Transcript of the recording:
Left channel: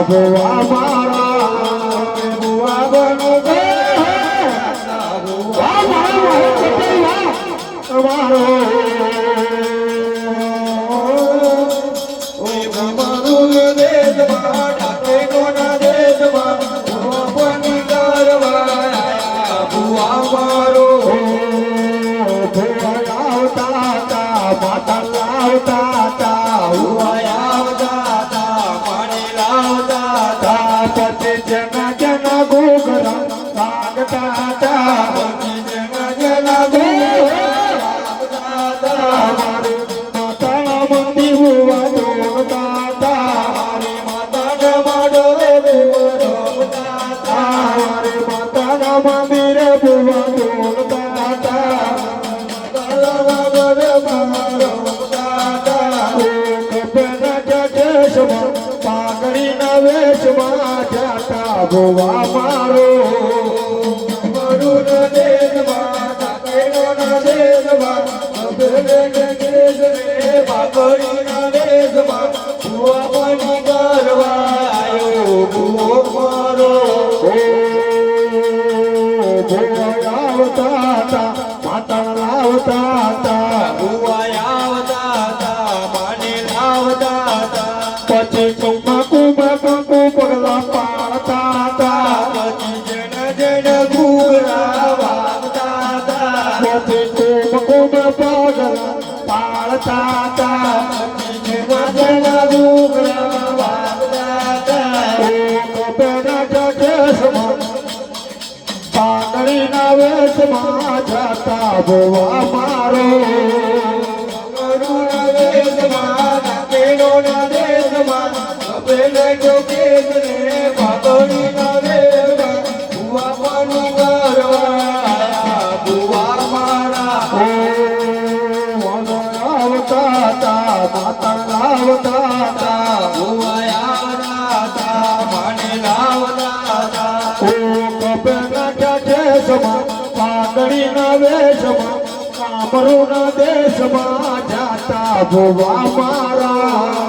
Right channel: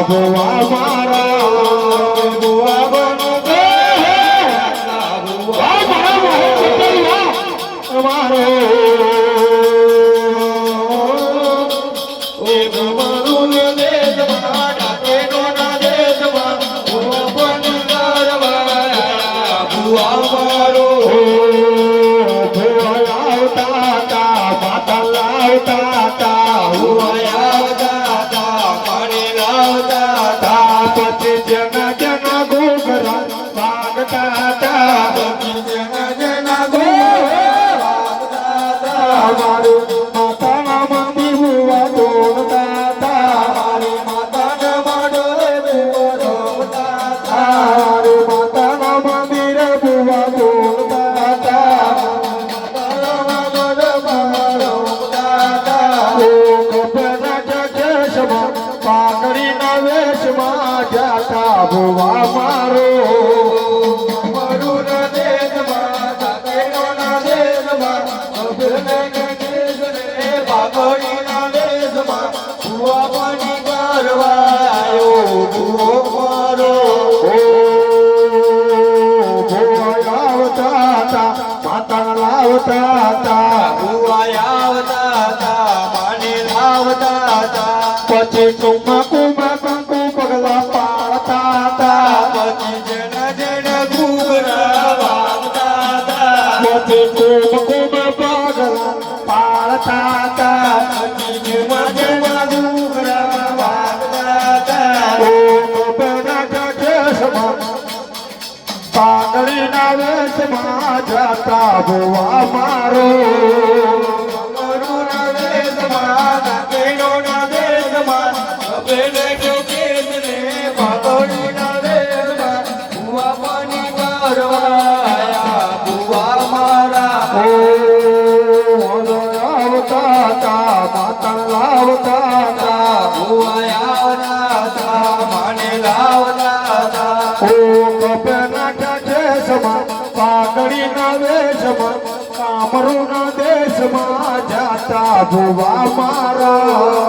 ભુવા મારા ભુવા બનો ગે ભુવા મારા મારો ઓ ભગવાન દે જવા ડાકે કોના દે જવા ભુવા બની ગરવા ભુવા મારો ભુવા આવતા તા માતા લાવતા તા ભુવા જના જના ગોગરા વાગતા તા જના જના ગોગરા મારું માતા મંદી હુવા દોડતા તા મારી માતા માડો દોડતા તા મારી માતા મંદિરે હુવા દોડતા તા ભુવા મારો મરુન દેશમાં કેનો દેશમાં અબલે દેશને બાગડીના દેશમાં ભુવા બની ગરવાયો ભુવો મારો ભુવા આવતા તા માતા લાવતા તા ભુવા આવતા તા માને લાવતા તા પછી કુમા કુમા કંકુ પગલા પાડતા તા પછી જણ જણ ઘૂઘરા વાગતા તા પછી કુમ કુમ પગલા પાડતા તા પછી જણ જણ ઘૂઘરા વાગતા તા ઓ કોપના જગસમાં પાઘડીના વેશમાં જતા ભુવા મારો કામરૂના દેશમાં જાતા ભુવા મારા